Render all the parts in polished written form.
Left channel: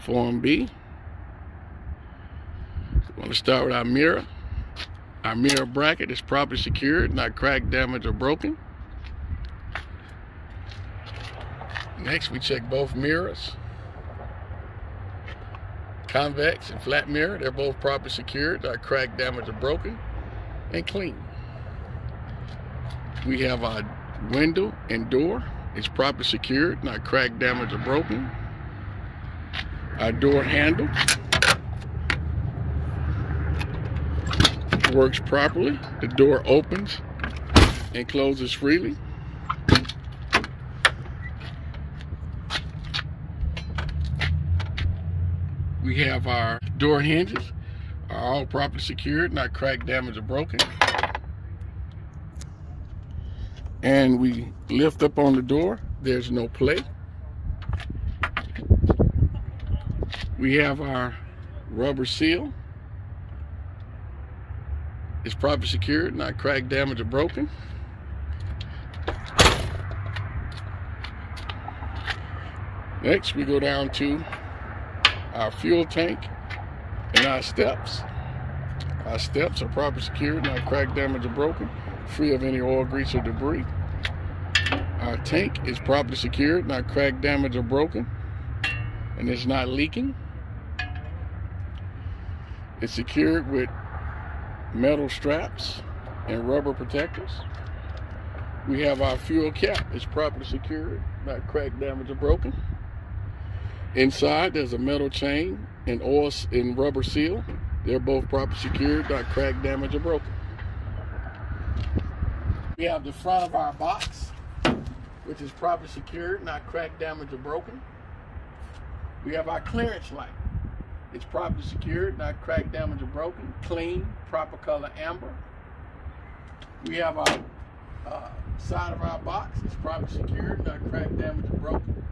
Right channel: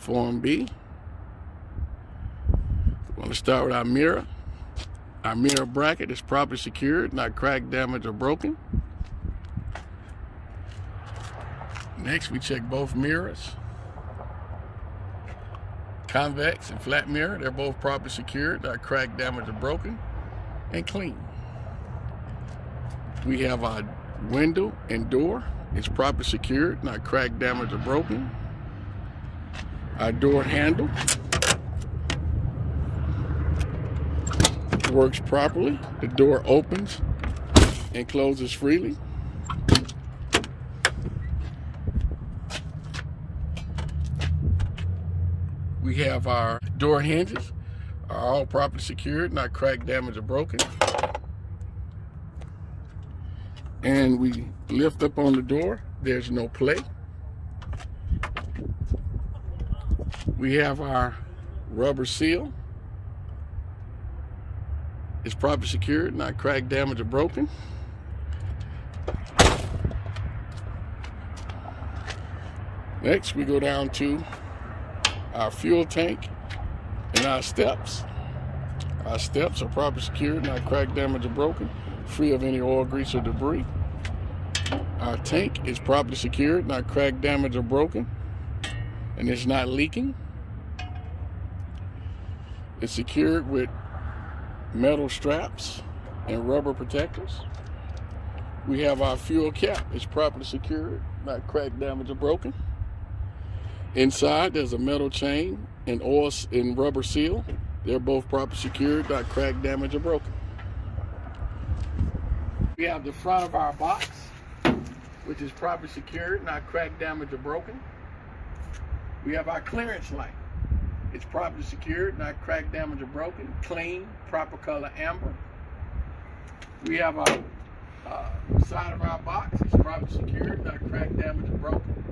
Form B. We're going to start with our mirror. Our mirror bracket is properly secured, not cracked, damaged, or broken. Next, we check both mirrors. Convex and flat mirror, they're both properly secured, not cracked, damaged, or broken, and clean. We have our window and door. It's properly secured, not cracked, damaged, or broken. Our door handle works properly. The door opens and closes freely. We have our door hinges are all properly secured, not cracked, damaged, or broken. And we lift up on the door. There's no play. We have our rubber seal. It's properly secured, not cracked, damaged, or broken. Next, we go down to our fuel tank and our steps. Our steps are properly secured, not cracked, damaged, or broken, free of any oil, grease, or debris. Our tank is properly secured, not cracked, damaged, or broken, and it's not leaking. It's secured with metal straps and rubber protectors. We have our fuel cap. It's properly secured, not cracked, damaged, or broken. Inside, there's a metal chain and oil and rubber seal. They're both properly secured, not cracked, damaged, or broken. We have the front of our box, which is properly secured, not cracked, damaged, or broken. We have our clearance light. It's properly secured, not cracked, damaged, or broken. Clean, proper color amber. We have our side of our box. It's properly secured, not cracked, damaged, or broken.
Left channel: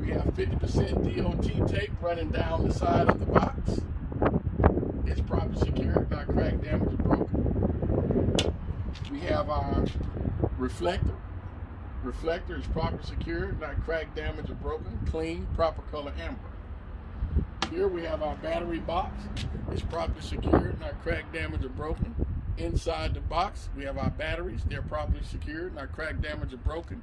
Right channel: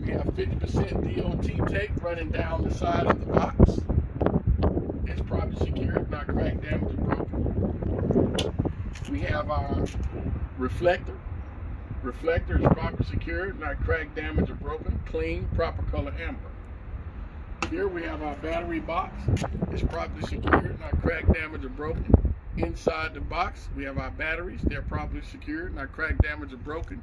We have 50% DOT tape running down the side of the box. It's properly secured, not cracked, damaged, or broken. We have our reflector. Reflector is properly secured, not cracked, damaged, or broken. Clean, proper color amber. Here we have our battery box. It's properly secured, not cracked, damaged, or broken. Inside the box, we have our batteries. They're properly secured, not cracked, damaged, or broken,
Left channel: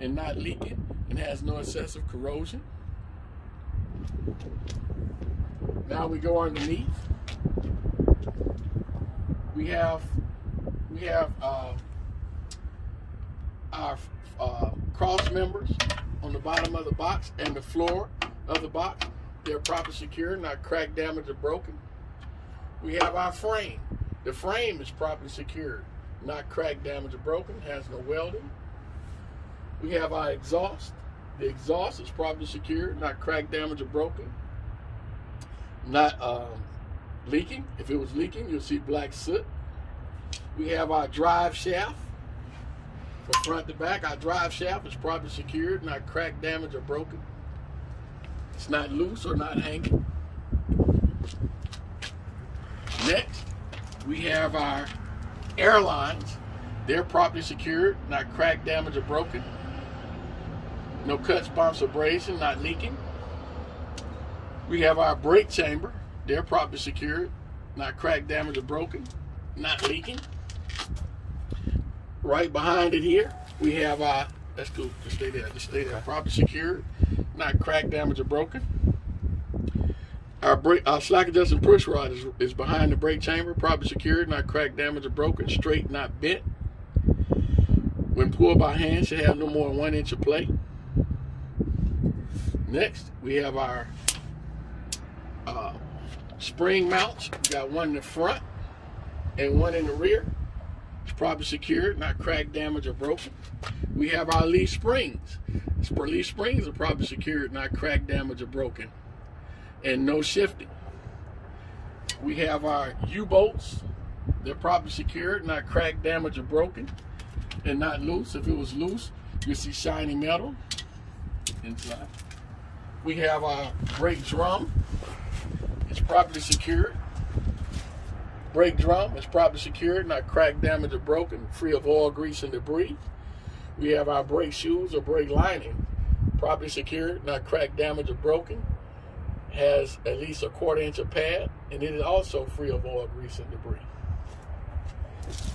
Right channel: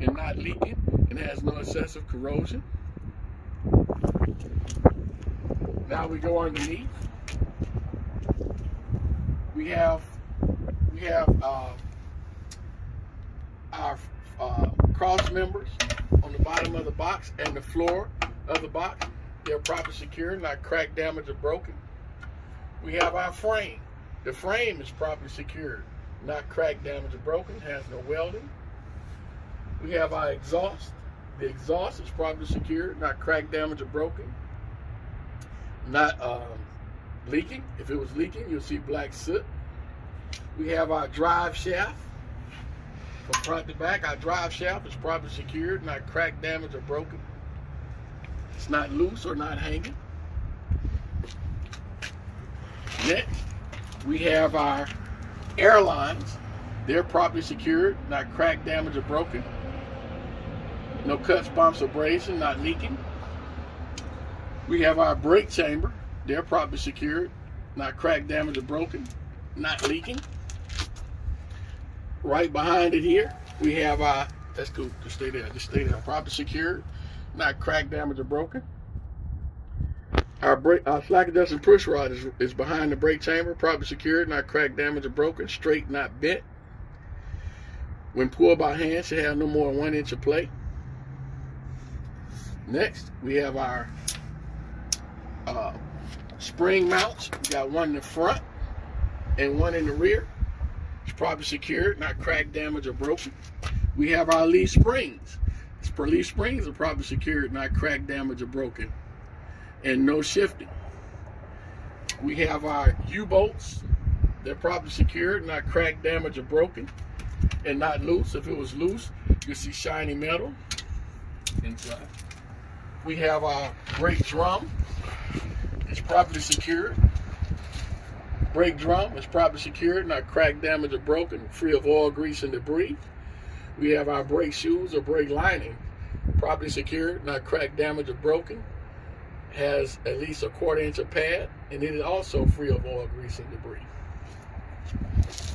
and not leaking, and has no excessive corrosion. Now we go underneath. We have our cross members on the bottom of the box and the floor of the box. They're properly secure, not cracked, damaged, or broken. We have our frame. The frame is properly secured, not cracked, damaged, or broken, has no welding. We have our exhaust. The exhaust is properly secured, not cracked, damaged, or broken, not leaking. If it was leaking, you'll see black soot. We have our drive shaft. From front to back, our drive shaft is properly secured, not cracked, damaged, or broken. It's not loose or not hanging. Next, we have our airlines. They're properly secured, not cracked, damaged, or broken. No cuts, bumps, or abrasion, not leaking. We have our brake chamber. They're properly secured, not cracked, damaged, or broken, not leaking. Right behind it here, we have our, that's cool, just stay there, properly secured, not cracked, damaged, or broken. Our slack adjusting push rod is behind the brake chamber, properly secured, not cracked, damaged, or broken, straight, not bent. When pulled by hand, should have no more than 1 inch of play. Next, we have our spring mounts. We got one in the front and one in the rear. It's properly secured, not cracked, damaged, or broken. We have our leaf springs. Leaf springs are properly secured, not cracked, damaged, or broken, and no shifting. We have our U-bolts. They're properly secured, not cracked, damaged, or broken, and not loose. If it was loose, you'll see shiny metal inside. We have our brake drum. It's properly secured. Brake drum is properly secured, not cracked, damaged, or broken, free of oil, grease, and debris. We have our brake shoes or brake lining, properly secured, not cracked, damaged, or broken, has at least a 1/4 inch of pad, and it is also free of oil, grease, and debris.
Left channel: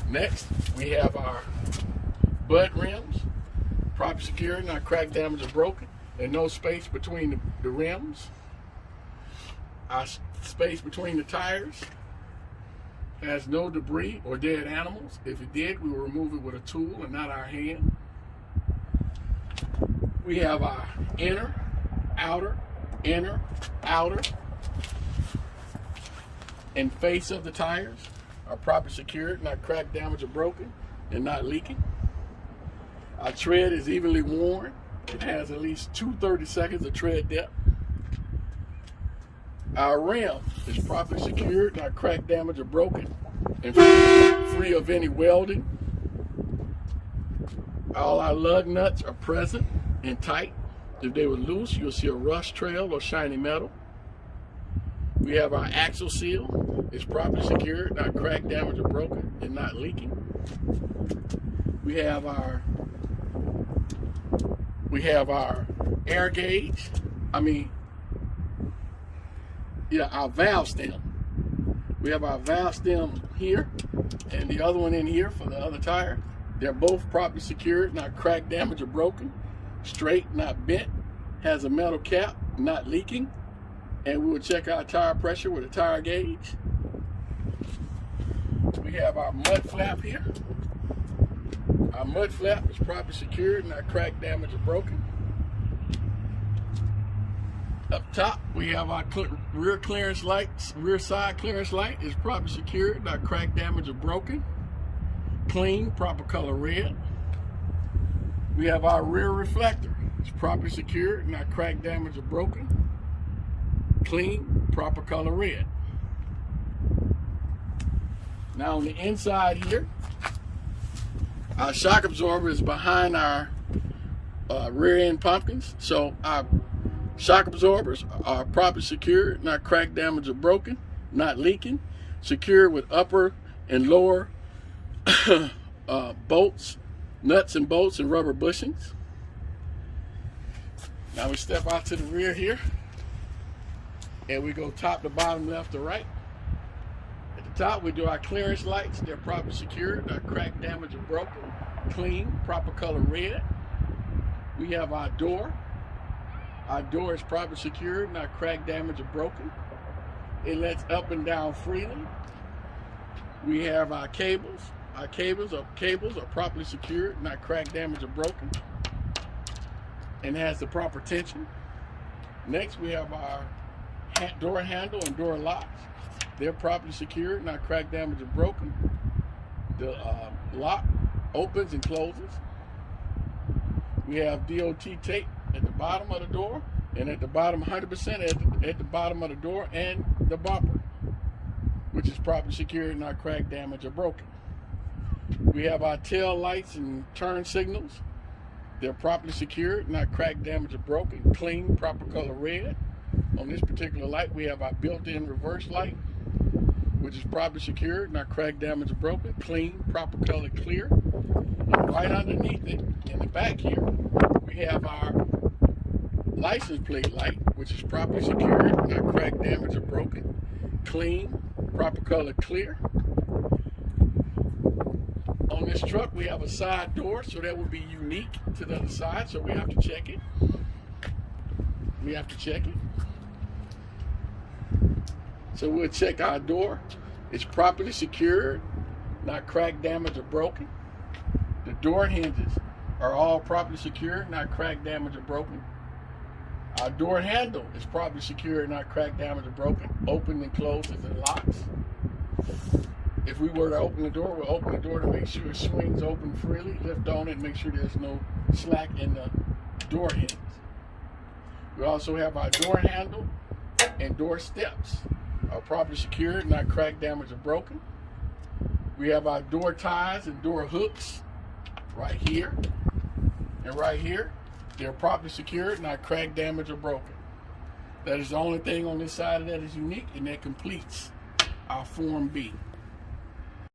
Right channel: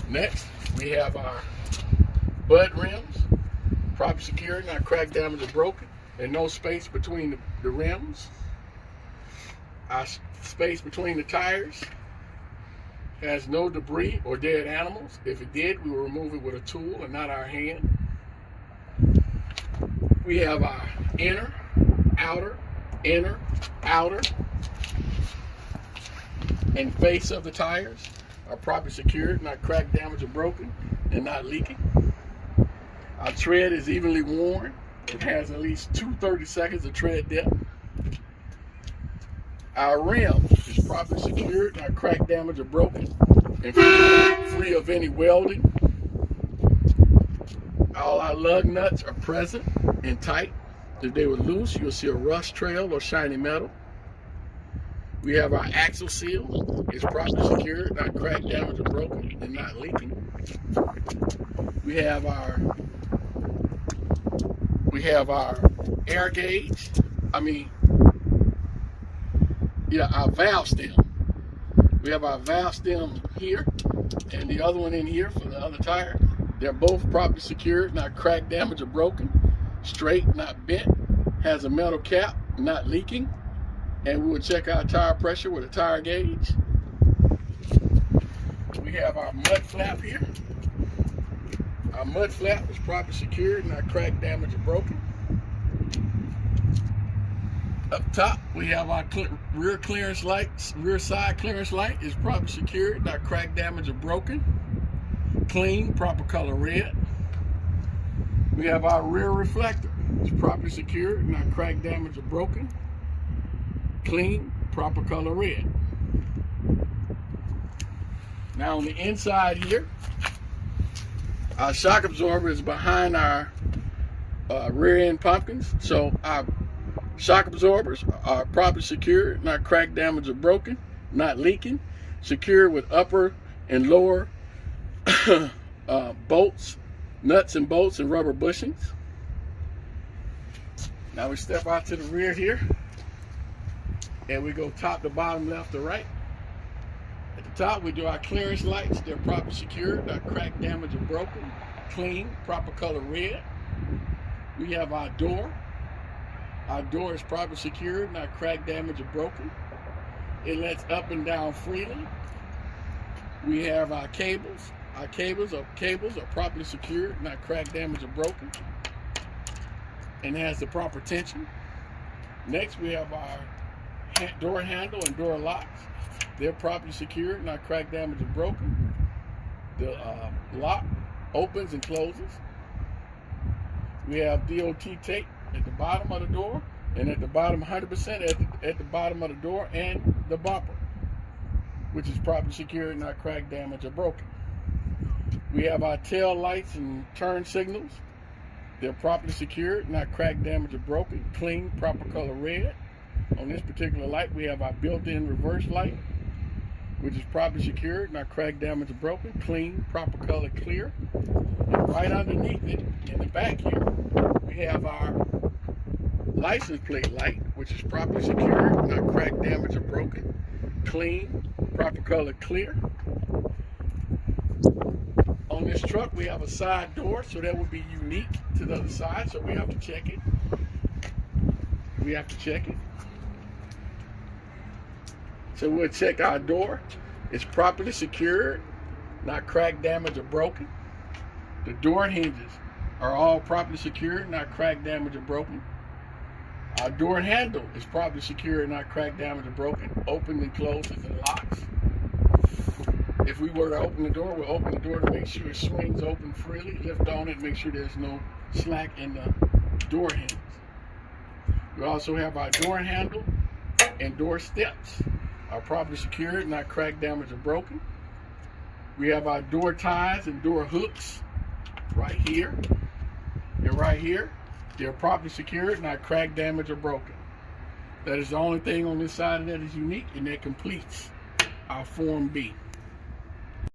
Next, we have our bud rims, properly secured, not cracked, damaged, or broken, and no space between the rims. Our space between the tires has no debris or dead animals. If it did, we will remove it with a tool and not our hand. We have our inner, outer, and face of the tires are properly secured, not cracked, damaged, or broken, and not leaking. Our tread is evenly worn. It has at least 2 30-seconds of tread depth. Our rim is properly secured, not cracked, damaged, or broken, and free of any welding. All our lug nuts are present and tight. If they were loose, you'll see a rust trail or shiny metal. We have our axle seal. It's properly secured, not cracked, damaged, or broken, and not leaking. We have our air gauge. Our valve stem. We have our valve stem here and the other one in here for the other tire. They're both properly secured, not cracked, damaged, or broken, straight, not bent, has a metal cap, not leaking, and we will check our tire pressure with a tire gauge. We have our mud flap here. Our mud flap is properly secured, not cracked, damaged, or broken. Up top, we have our rear clearance light. Rear side clearance light is properly secured, not cracked, damaged, or broken. Clean, proper color red. We have our rear reflector. It's properly secured, not cracked, damaged, or broken. Clean, proper color red. Now on the inside here, our shock absorber is behind our rear end pumpkins. So our shock absorbers are properly secured, not cracked, damaged, or broken, not leaking, secured with upper and lower bolts, nuts and bolts, and rubber bushings. Now we step out to the rear here, and we go top to bottom, left to right. At the top, we do our clearance lights. They're properly secured, not cracked, damaged, or broken, clean, proper color red. We have our door. Our door is properly secured, not cracked, damaged, or broken. It lets up and down freely. We have our cables. Our cables are properly secured, not cracked, damaged, or broken, and has the proper tension. Next, we have our door handle and door locks. They're properly secured, not cracked, damaged, or broken. The lock opens and closes. We have DOT tape at the bottom of the door, and at the bottom, 100% at the bottom of the door and the bumper, which is properly secured, not cracked, damaged, or broken. We have our tail lights and turn signals. They're properly secured, not cracked, damaged, or broken, clean, proper color red. On this particular light, we have our built-in reverse light, which is properly secured, not cracked, damaged, or broken, clean, proper color clear. And right underneath it, in the back here, we have our license plate light, which is properly secured, not cracked, damaged, or broken, clean, proper color clear. On this truck, we have a side door, so that will be unique to the other side, so we have to check it. So we'll check our door. It's properly secured, not cracked, damaged, or broken. The door hinges are all properly secured, not cracked, damaged, or broken. Our door handle is properly secured, not cracked, damaged, or broken. Opens and closes and locks. If we were to open the door, we'll open the door to make sure it swings open freely, lift on it, make sure there's no slack in the door hinge. We also have our door handle and door steps are properly secured, not cracked, damaged, or broken. We have our door ties and door hooks right here and right here. They're properly secured, not cracked, damaged, or broken. That is the only thing on this side that is unique, and that completes our Form B.